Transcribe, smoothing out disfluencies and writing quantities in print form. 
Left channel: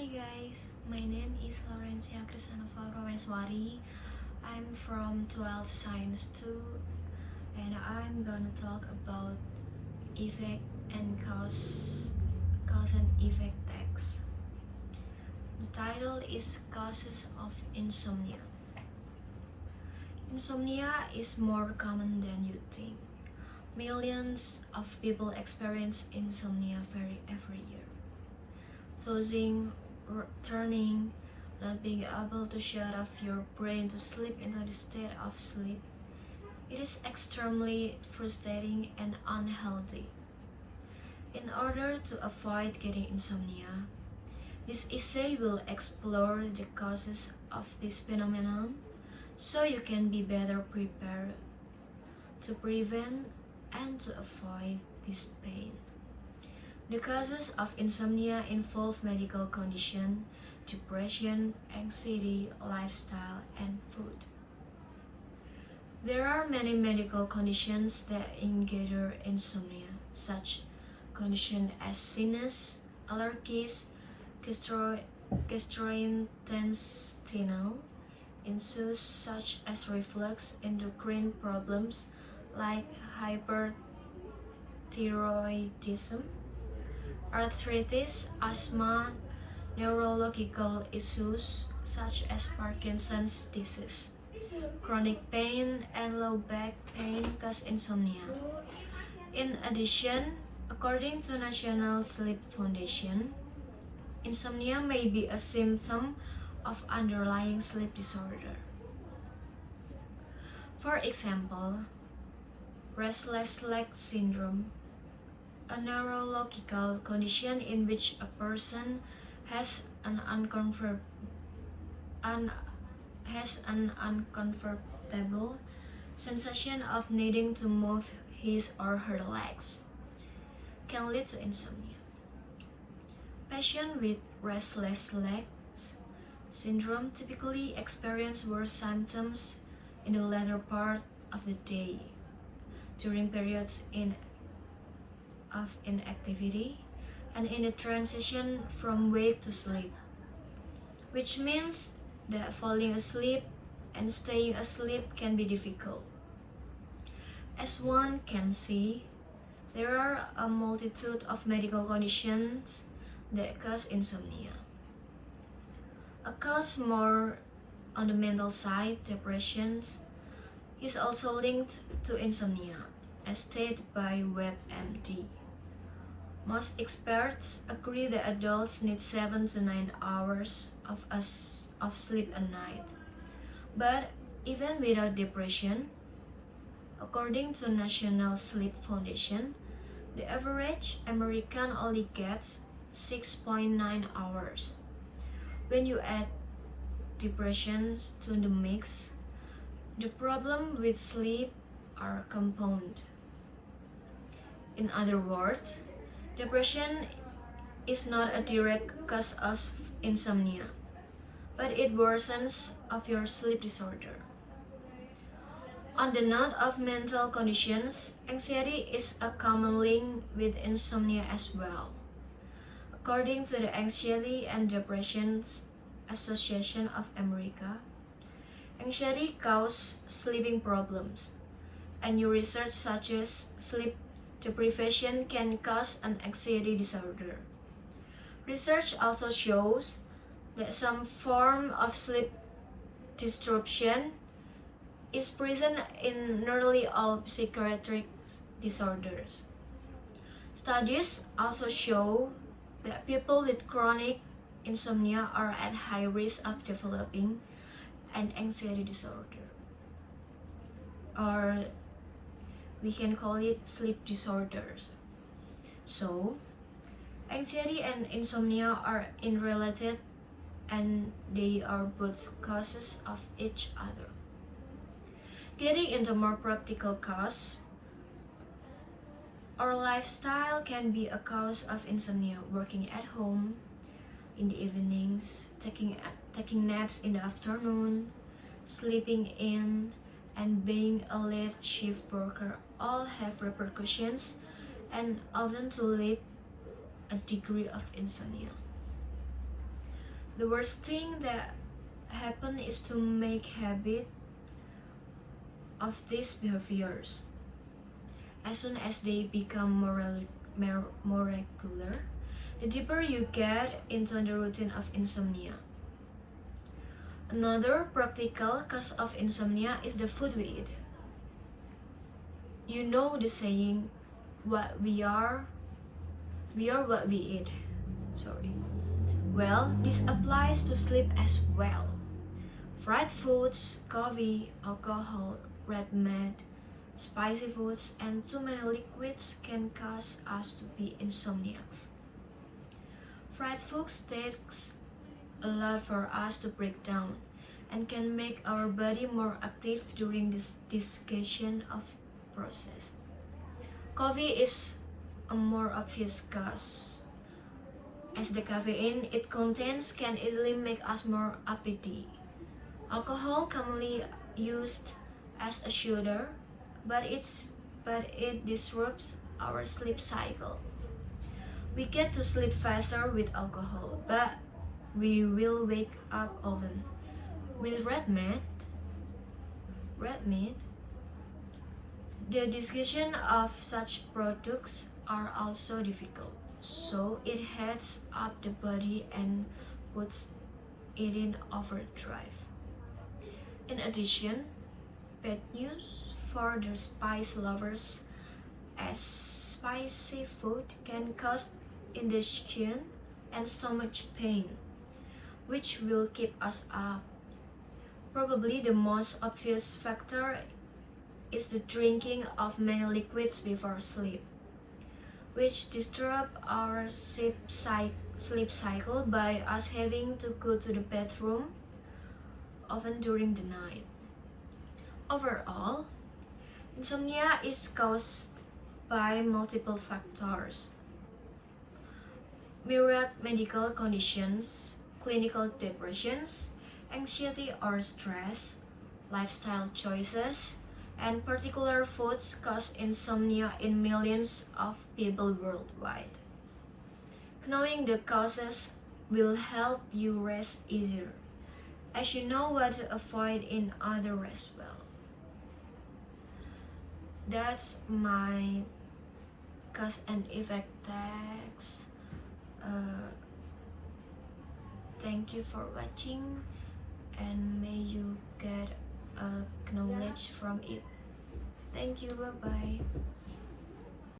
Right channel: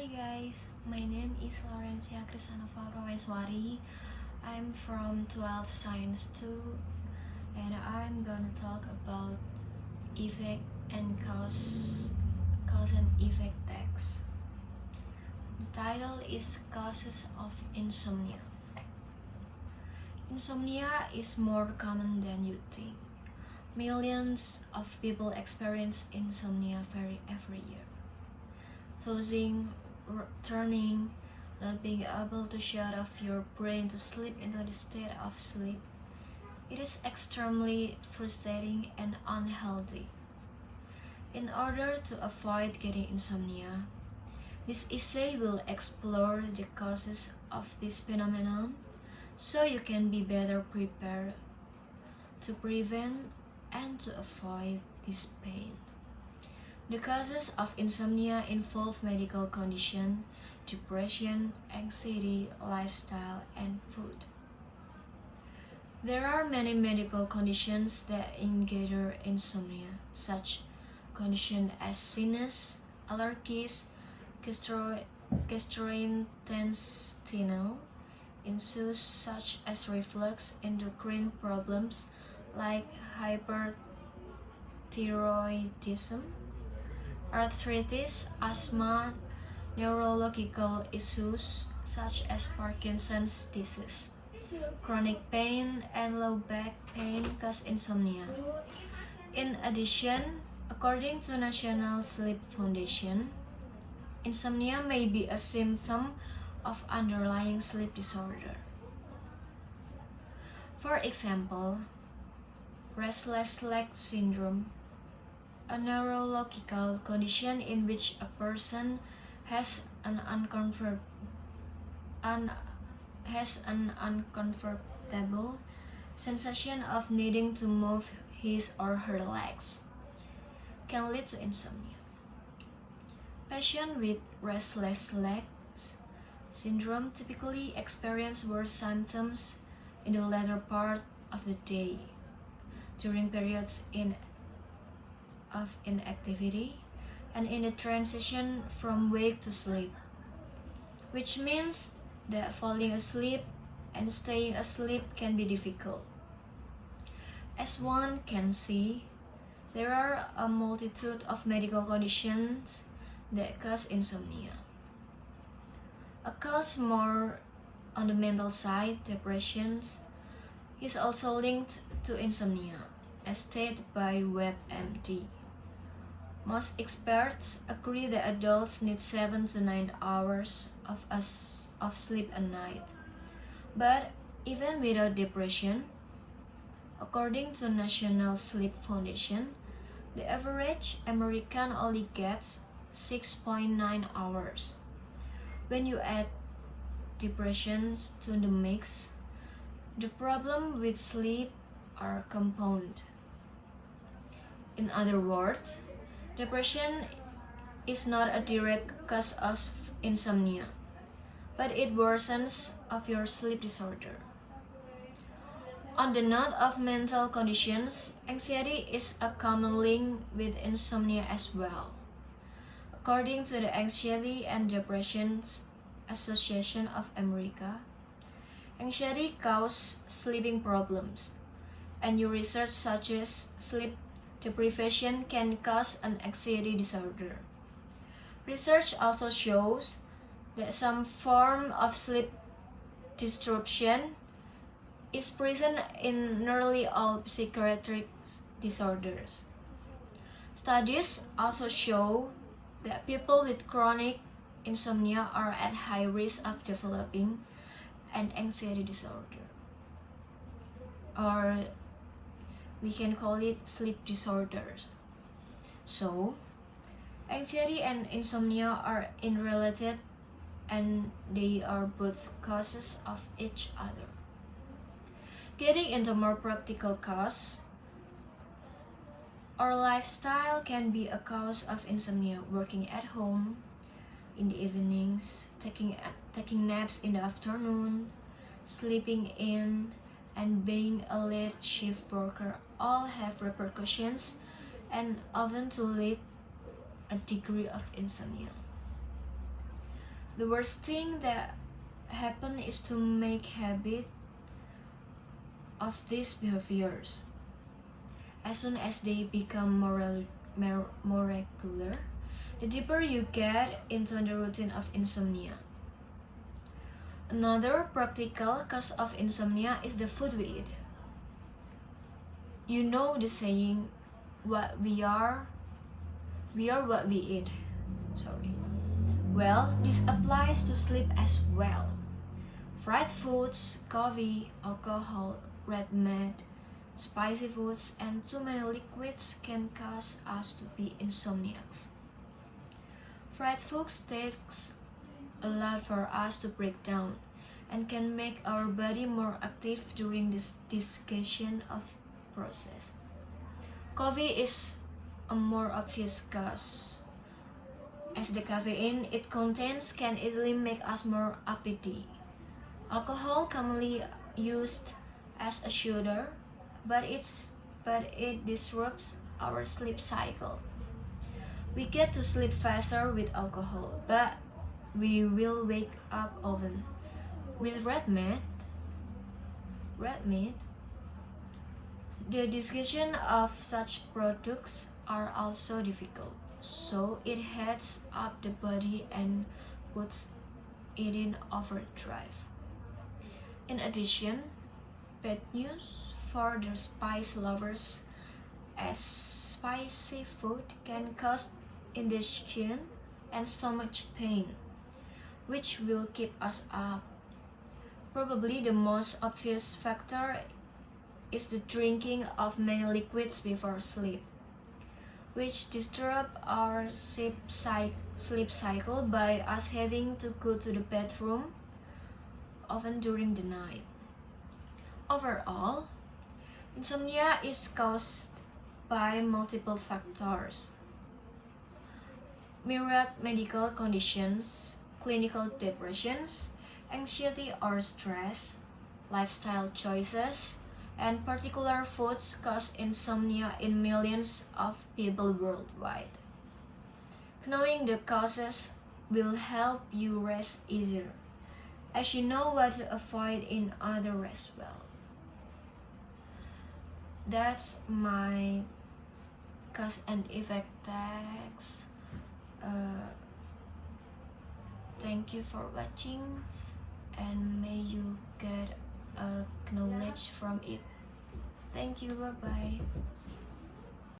Hi guys, my name is Laurentia Christanova P. I'm from 12 Science 2 and I'm gonna talk about effect and cause and effect text. The title is Causes of Insomnia. Insomnia is more common than you think. Millions of people experience insomnia every year. Tossing, turning, not being able to shut off your brain to slip into the state of sleep. It is extremely frustrating and unhealthy. In order to avoid getting insomnia, this essay will explore the causes of this phenomenon so you can be better prepared to prevent and to avoid this pain. The causes of insomnia involve medical condition, depression, anxiety, lifestyle, and food. There are many medical conditions that engender insomnia, such conditions as sinus, allergies, gastrointestinal issues such as reflux, endocrine problems like hyperthyroidism, arthritis, asthma, neurological issues such as Parkinson's disease, chronic pain, and low back pain cause insomnia. In addition, according to National Sleep Foundation, insomnia may be a symptom of underlying sleep disorder. For example, restless leg syndrome, a neurological condition in which a person has an uncomfortable sensation of needing to move his or her legs, can lead to insomnia. Patients with restless legs syndrome typically experience worse symptoms in the latter part of the day, during periods of inactivity, and in the transition from wake to sleep, which means that falling asleep and staying asleep can be difficult. As one can see, there are a multitude of medical conditions that cause insomnia. A cause more on the mental side, depression, is also linked to insomnia, as stated by WebMD. Most experts agree that adults need 7 to 9 hours of sleep a night. But even without depression, according to National Sleep Foundation, the average American only gets 6.9 hours. When you add depression to the mix, the problem with sleep are compounded. In other words, depression is not a direct cause of insomnia, but it worsens of your sleep disorder. On the note of mental conditions, anxiety is a common link with insomnia as well. According to the Anxiety and Depression Association of America, anxiety causes sleeping problems, and new research such as sleep deprivation can cause an anxiety disorder. Research also shows that some form of sleep disruption is present in nearly all psychiatric disorders. Studies also show that people with chronic insomnia are at high risk of developing an anxiety disorder, or we can call it sleep disorders. So, anxiety and insomnia are interrelated and they are both causes of each other. Getting into more practical cause, our lifestyle can be a cause of insomnia. Working at home in the evenings, taking naps in the afternoon, sleeping in, and being a late shift worker all have repercussions and often to lead a degree of insomnia. The worst thing that happen is to make habit of these behaviors. As soon as they become more regular, the deeper you get into the routine of insomnia. Another practical cause of insomnia is the food we eat. You know the saying, what we are what we eat. Well, this applies to sleep as well. Fried foods, coffee, alcohol, red meat, spicy foods, and too many liquids can cause us to be insomniacs. Fried foods takes a lot for us to break down and can make our body more active during this digestion of process. Coffee is a more obvious cause, as the caffeine it contains can easily make us more uppity. Alcohol, commonly used as a soother, but it disrupts our sleep cycle. We get to sleep faster with alcohol, but we will wake up often. With red meat, the digestion of such products are also difficult, so it heats up the body and puts it in overdrive. In addition, bad news for the spice lovers, as spicy food can cause indigestion and stomach pain, which will keep us up. Probably the most obvious factor is the drinking of many liquids before sleep, which disturb our sleep cycle by us having to go to the bathroom often during the night. Overall, insomnia is caused by multiple factors: myriad medical conditions, clinical depressions, anxiety or stress, lifestyle choices, and particular foods cause insomnia in millions of people worldwide. Knowing the causes will help you rest easier, as you know what to avoid in other as well. That's my cause and effect text. Thank you for watching, and may you get knowledge from it. Thank you, bye bye.